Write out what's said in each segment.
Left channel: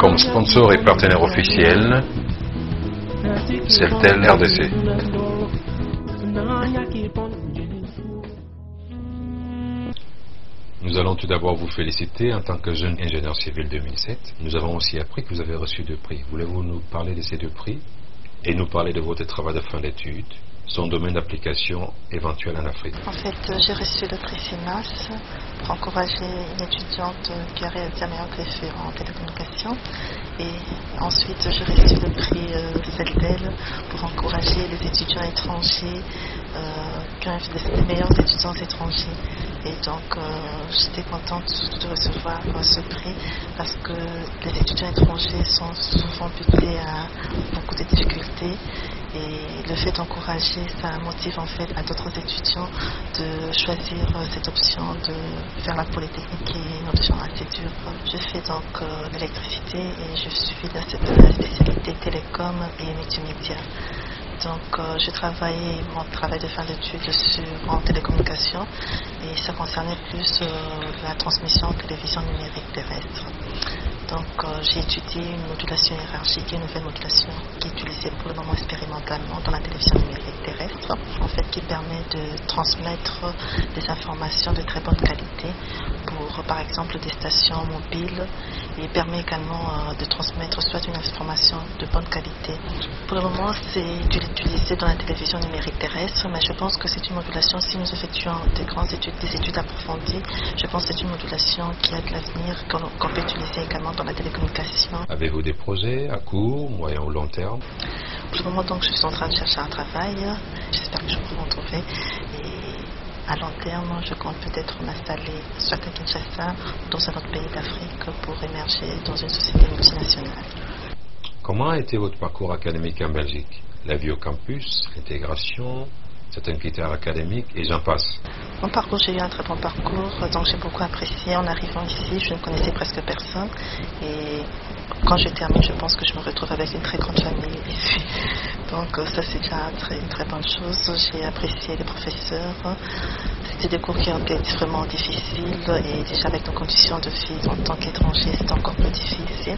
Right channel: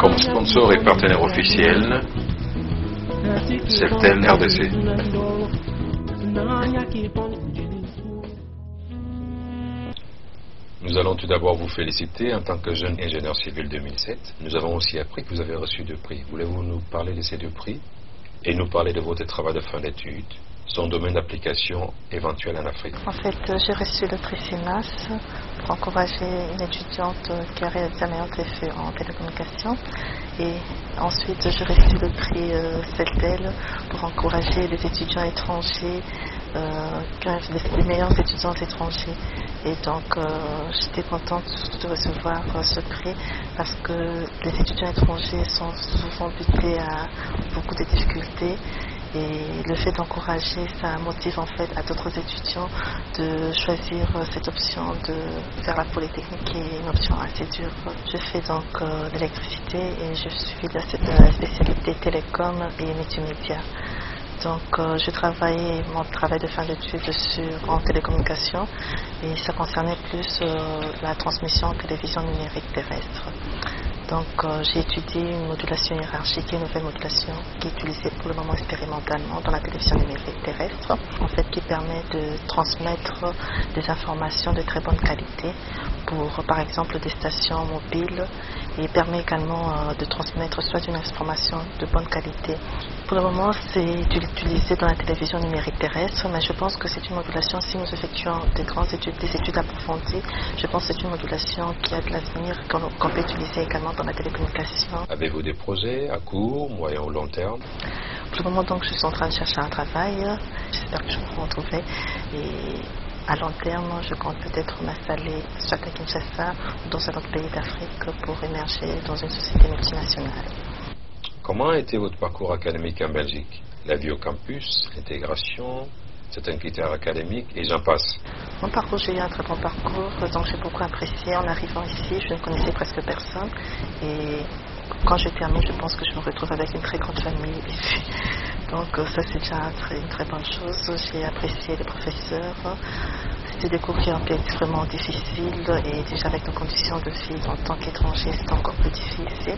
Comme sponsor et partenaire officiel, Celtel RDC. Nous allons tout d'abord vous féliciter en tant que jeune ingénieur civil 2007. Nous avons aussi appris que vous avez reçu 2 prix. Voulez-vous nous parler de ces 2 prix et nous parler de votre travail de fin d'études, son domaine d'application éventuel en Afrique? En fait, j'ai reçu le prix CIMAS pour encourager une étudiante qui a réalisé un meilleur effet en télécommunication. Et ensuite, j'ai reçu le prix Celtel pour encourager les étudiants étrangers, des meilleurs étudiants étrangers. Et donc, j'étais contente surtout de recevoir ce prix parce que les étudiants étrangers sont souvent butés à beaucoup de difficultés. Et le fait d'encourager, ça motive en fait à d'autres étudiants de choisir cette option de faire la polytechnique qui est une option assez dure. Je fais donc l'électricité et je suis dans cette spécialité télécom et multimédia. Donc je travaillais mon travail de fin d'études en télécommunication et ça concernait plus la transmission télévision numérique terrestre. Donc j'ai étudié une modulation hiérarchique, une nouvelle modulation qui est utilisée pour le moment expérimentalement dans la télévision numérique terrestre, en fait qui permet de transmettre des informations de très bonne qualité pour par exemple des stations mobiles et permet également de transmettre soit une information de bonne qualité. Pour le moment c'est utilisé dans la télévision numérique terrestre, mais je pense que c'est une modulation, si nous effectuons des études approfondies, je pense que c'est une modulation qui a de l'avenir, qu'on peut utiliser également dans la télécommunication. Avez-vous des projets à court, moyen ou long terme? Pour le moment, donc, je suis en train de chercher un travail. J'espère que je pourrai en trouver. Et à long terme, je compte peut-être m'installer soit à Kinshasa ou dans un autre pays d'Afrique pour émerger dans une société multinationale. Comment a été votre parcours académique en Belgique? La vie au campus, l'intégration, certains critères académiques et j'en passe. Mon parcours, j'ai eu un très bon parcours, donc j'ai beaucoup apprécié. En arrivant ici, je ne connaissais presque personne et quand je termine, je pense que je me retrouve avec une très grande famille ici. Donc ça, c'est déjà une très bonne chose. J'ai apprécié les professeurs. C'était des cours qui ont été vraiment difficiles et déjà avec nos conditions de vie en tant qu'étranger, c'était encore plus difficile.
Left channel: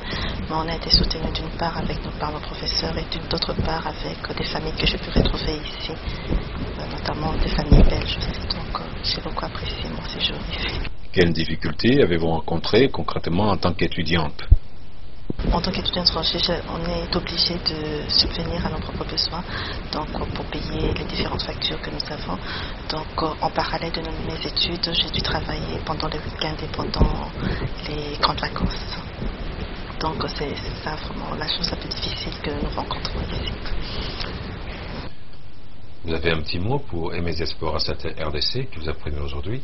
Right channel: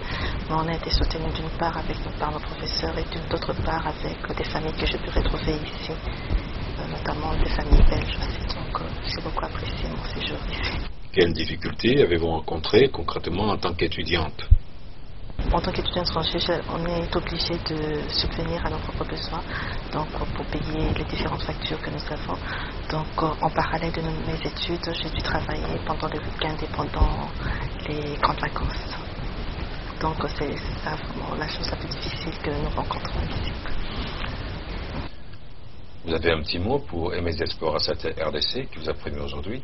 Mais on a été soutenus d'une part par nos professeurs et d'autre part avec des familles que j'ai pu retrouver ici, notamment des familles belges aussi. Donc j'ai beaucoup apprécié mon séjour ici. Quelles difficultés avez-vous rencontrées concrètement en tant qu'étudiante? En tant qu'étudiant étranger, on est obligé de subvenir à nos propres besoins, donc pour payer les différentes factures que nous avons. Donc en parallèle de mes études, j'ai dû travailler pendant les week-ends et pendant les grandes vacances. Donc c'est ça vraiment la chose la plus difficile que nous rencontrons ici. Vous avez un petit mot pour MS Diaspora Celtel RDC qui vous a prévenu aujourd'hui?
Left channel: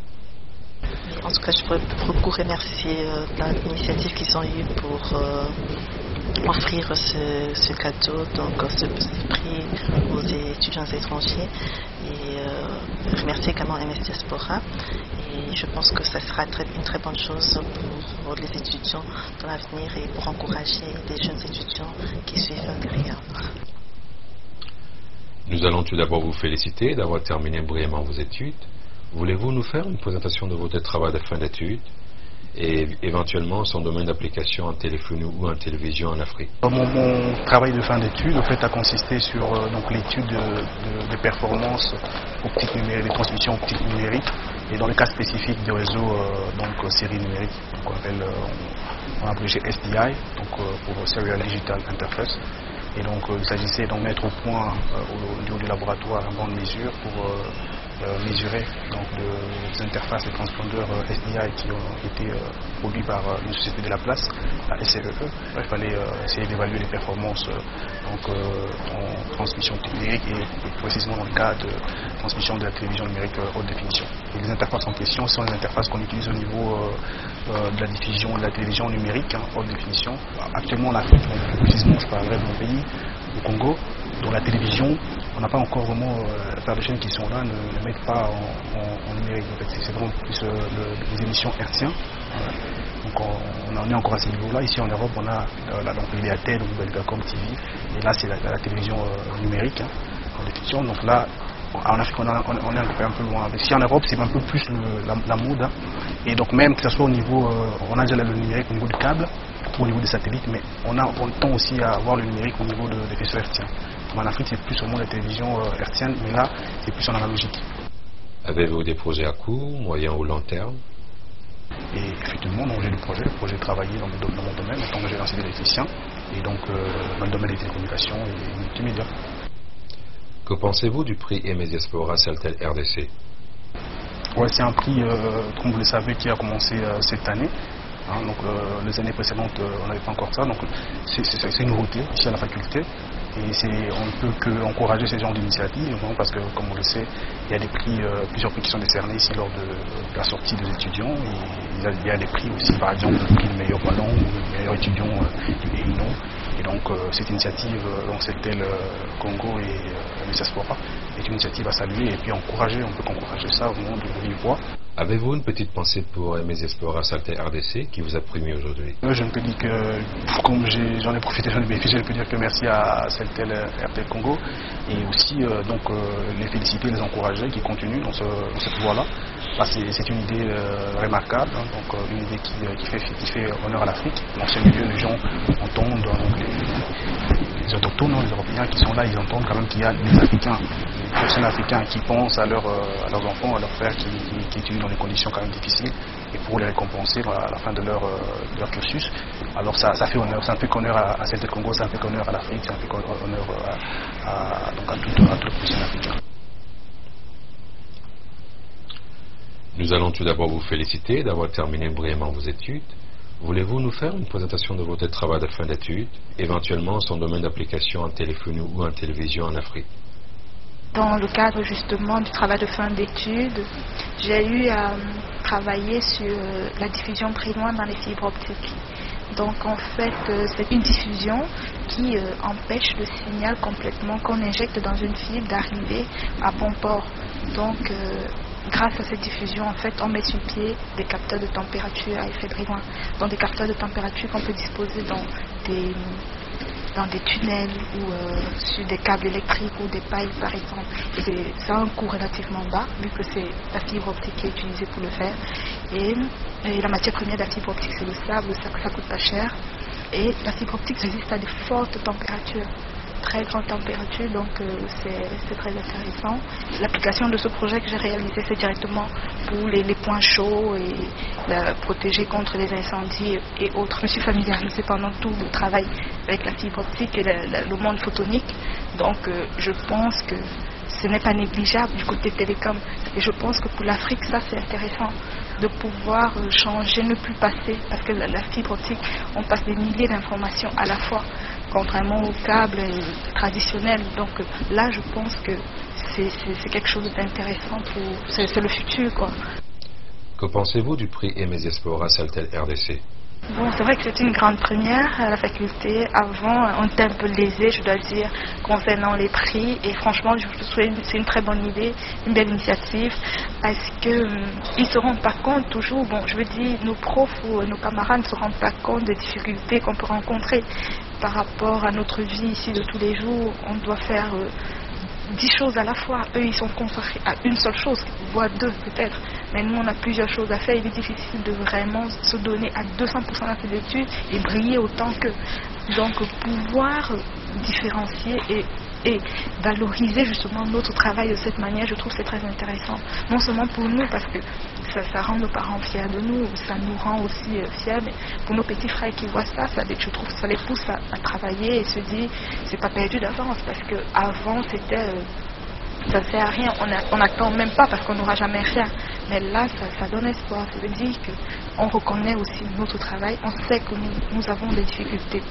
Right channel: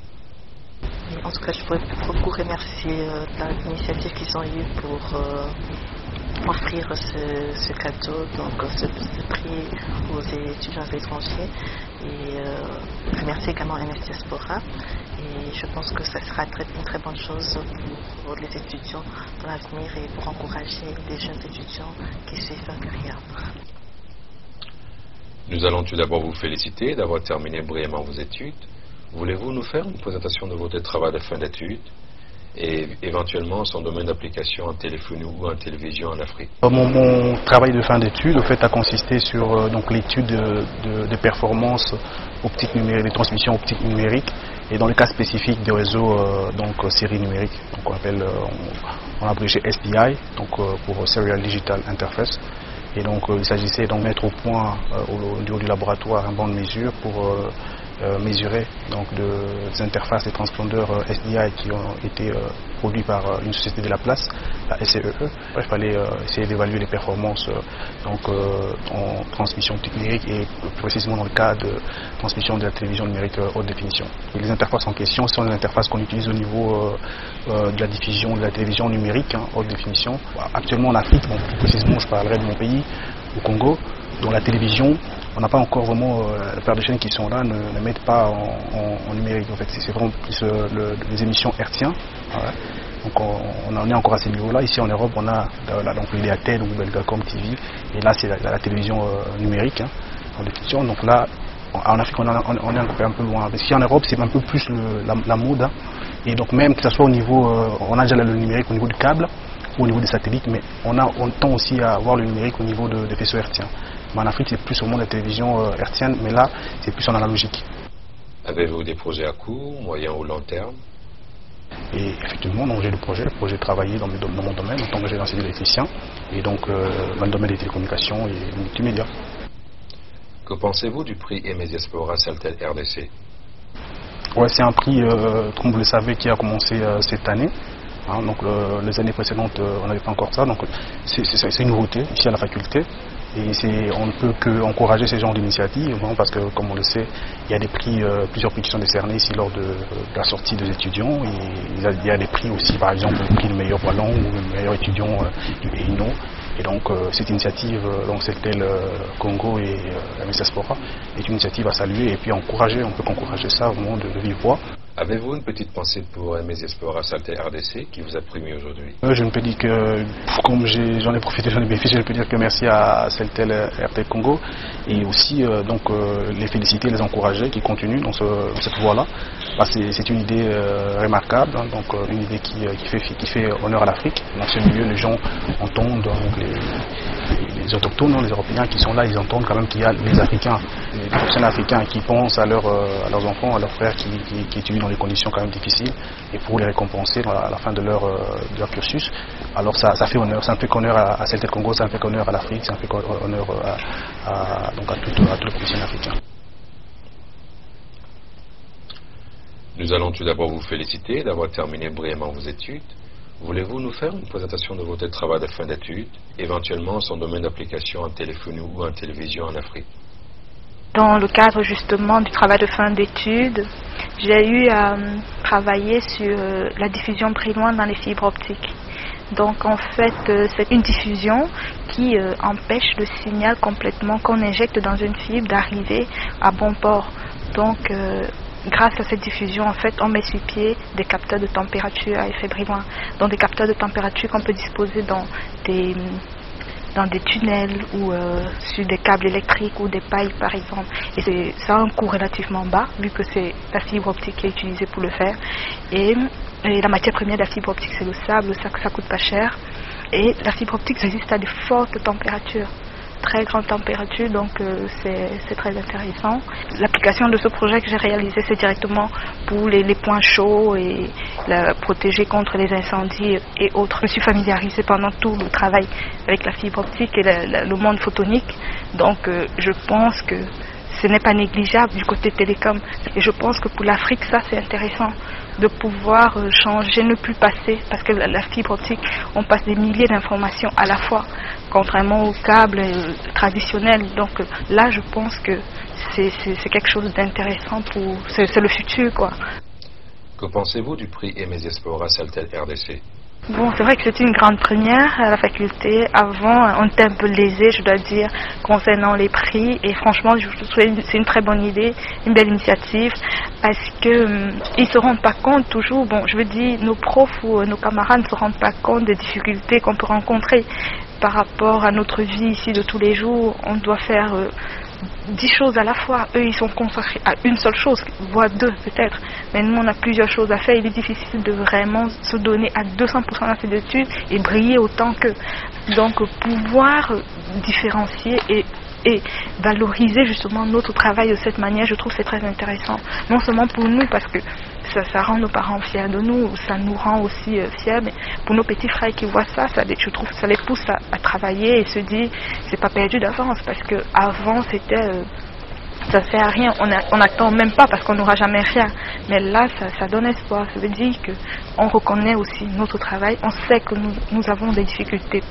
En tout cas, je pourrais beaucoup remercier l'initiative qu'ils ont eue pour offrir ce cadeau, donc ce prix aux étudiants étrangers, et remercier également MS Diaspora. Et je pense que ça sera une très bonne chose pour les étudiants dans l'avenir et pour encourager les jeunes étudiants qui suivent derrière. Nous allons tout d'abord vous féliciter d'avoir terminé brillamment vos études. Voulez-vous nous faire une présentation de votre travail de fin d'études et éventuellement son domaine d'application en téléphonie ou en télévision en Afrique? Mon travail de fin d'études a consisté sur l'étude de performance optique numérique, des transmissions optiques numériques et dans le cas spécifique des réseaux série numérique, donc on appelle en abrégé SDI, pour Serial Digital Interface. Et donc il s'agissait de mettre au point au niveau du laboratoire un banc de mesure pour mesurer des interfaces et transpondeurs SDI qui ont été produits par une société de la place, la SCEE. Il fallait essayer d'évaluer les performances en transmission numérique et plus précisément dans le cas de transmission de la télévision numérique haute définition. Et les interfaces en question sont les interfaces qu'on utilise au niveau de la diffusion de la télévision numérique haute définition. Actuellement en Afrique, plus précisément je parlerai de mon pays, au Congo, dont la télévision, on n'a pas encore vraiment, la plupart des chaînes qui sont là ne mettent pas en numérique. En fait, c'est vraiment plus les émissions hertziennes. Voilà. Donc on en est encore à ce niveau-là. Ici en Europe, on a l'Idéatel ou Belgacom TV. Et là, c'est la télévision numérique en définition. Donc là, en Afrique, on est un peu loin. Ici en Europe, c'est un peu plus la mode. Et donc même que ce soit au niveau, on a déjà le numérique au niveau du câble. beaucoup au niveau des satellites, mais on tend aussi à voir le numérique au niveau des faisceaux hertziens. Mais en Afrique, c'est plus au monde de la télévision hertzienne, mais là, c'est plus en analogique. Avez-vous des projets à court, moyen ou long terme? Et effectivement, j'ai le projet de travailler dans mon domaine en tant qu'ingénieur civil électricien, et donc dans le domaine des télécommunications et multimédia. Que pensez-vous du prix Aimé Diaspora Saltel RDC? Ouais, c'est un prix, comme vous le savez, qui a commencé cette année. Hein, donc les années précédentes, on n'avait pas encore ça. Donc c'est une nouveauté ici à la faculté. Et on ne peut qu'encourager ces genres d'initiatives, parce que, comme on le sait, il y a des prix, plusieurs prix qui sont décernés ici lors de la sortie des étudiants. Et il y a des prix aussi, par exemple, le prix du meilleur wallon ou le meilleur étudiant du EINO. Et donc cette initiative, Celtel Congo et Aimé Diaspora, est une initiative à saluer et puis encourager. On peut qu'encourager ça vraiment de vive voix. Avez-vous une petite pensée pour Aimé Diaspora Saltel RDC qui vous a primé aujourd'hui? Je ne peux dire que, comme j'en ai profité, j'en ai bénéficié, je peux dire que merci à Celtel RDC Congo et aussi les féliciter, les encourager, qui continuent dans cette voie-là. C'est une idée remarquable, hein, donc une idée qui fait honneur à l'Afrique. Dans ce milieu, les gens entendent, donc les autochtones, les Européens qui sont là, ils entendent quand même qu'il y a les Africains, les professionnels africains qui pensent à leurs enfants, à leurs frères qui étudient dans des conditions quand même difficiles, et pour les récompenser à la fin de leur cursus. Alors ça fait honneur, ça ne fait qu'honneur à Celtel Congo, ça ne fait qu'honneur à l'Afrique, ça ne fait qu'honneur à tous les professionnels africains. Nous allons tout d'abord vous féliciter d'avoir terminé brillamment vos études. Voulez-vous nous faire une présentation de votre travail de fin d'études, éventuellement son domaine d'application en téléphonie ou en télévision en Afrique? Dans le cadre justement du travail de fin d'études, j'ai eu à travailler sur la diffusion brillant dans les fibres optiques. Donc en fait, c'est une diffusion qui empêche le signal complètement qu'on injecte dans une fibre d'arriver à bon port. Donc grâce à cette diffusion, en fait, on met sur pied des capteurs de température à effet brillant. Donc des capteurs de température qu'on peut disposer dans des tunnels ou sur des câbles électriques ou des pailles par exemple. Et ça a un coût relativement bas vu que c'est la fibre optique qui est utilisée pour le faire. Et la matière première de la fibre optique c'est le sable, ça coûte pas cher. Et la fibre optique résiste à de fortes températures, très grande température, donc c'est très intéressant. L'application de ce projet que j'ai réalisé, c'est directement pour les points chauds et protéger contre les incendies et autres. Je me suis familiarisée pendant tout le travail avec la fibre optique et le monde photonique, donc je pense que ce n'est pas négligeable du côté télécom. Et je pense que pour l'Afrique, ça c'est intéressant de pouvoir changer, ne plus passer, parce que la fibre optique, on passe des milliers d'informations à la fois, contrairement aux câbles traditionnels. Donc là, je pense que c'est quelque chose d'intéressant, c'est le futur, quoi. Que pensez-vous du prix Aimé Diaspora Saltel RDC? Bon, c'est vrai que c'est une grande première à la faculté. Avant, on était un peu lésé, je dois dire, concernant les prix. Et franchement, c'est une très bonne idée, une belle initiative, parce qu'ils ne se rendent pas compte toujours. Bon, je veux dire, nos profs ou nos camarades ne se rendent pas compte des difficultés qu'on peut rencontrer par rapport à notre vie ici de tous les jours. On doit faire 10 choses à la fois. Eux, ils sont consacrés à une seule chose, voire 2 peut-être. Mais nous, on a plusieurs choses à faire. Il est difficile de vraiment se donner à 200% dans ces études et briller autant qu'eux. Donc, pouvoir différencier et valoriser justement notre travail de cette manière, je trouve que c'est très intéressant. Non seulement pour nous, parce que ça rend nos parents fiers de nous, ça nous rend aussi fiers, mais pour nos petits frères qui voient ça, je trouve que ça les pousse à travailler et se dire c'est pas perdu d'avance, parce que avant c'était ça sert à rien, on n'attend même pas parce qu'on n'aura jamais rien, mais là ça donne espoir. Ça veut dire qu'on reconnaît aussi notre travail, on sait que nous avons des difficultés.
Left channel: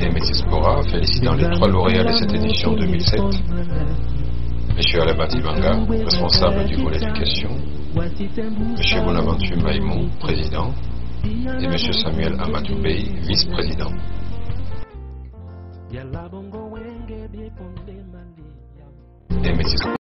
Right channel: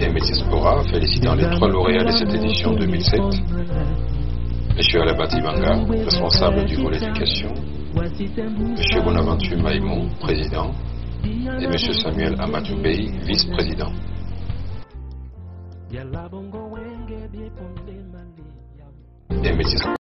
Aimé Diaspora félicitant les 3 lauréats de cette édition 2007. Monsieur Alabati Banga, responsable du volet éducation, Monsieur Bonaventure Maïmou, président, et Monsieur Samuel Amatoubey, vice-président. Aimé Diaspora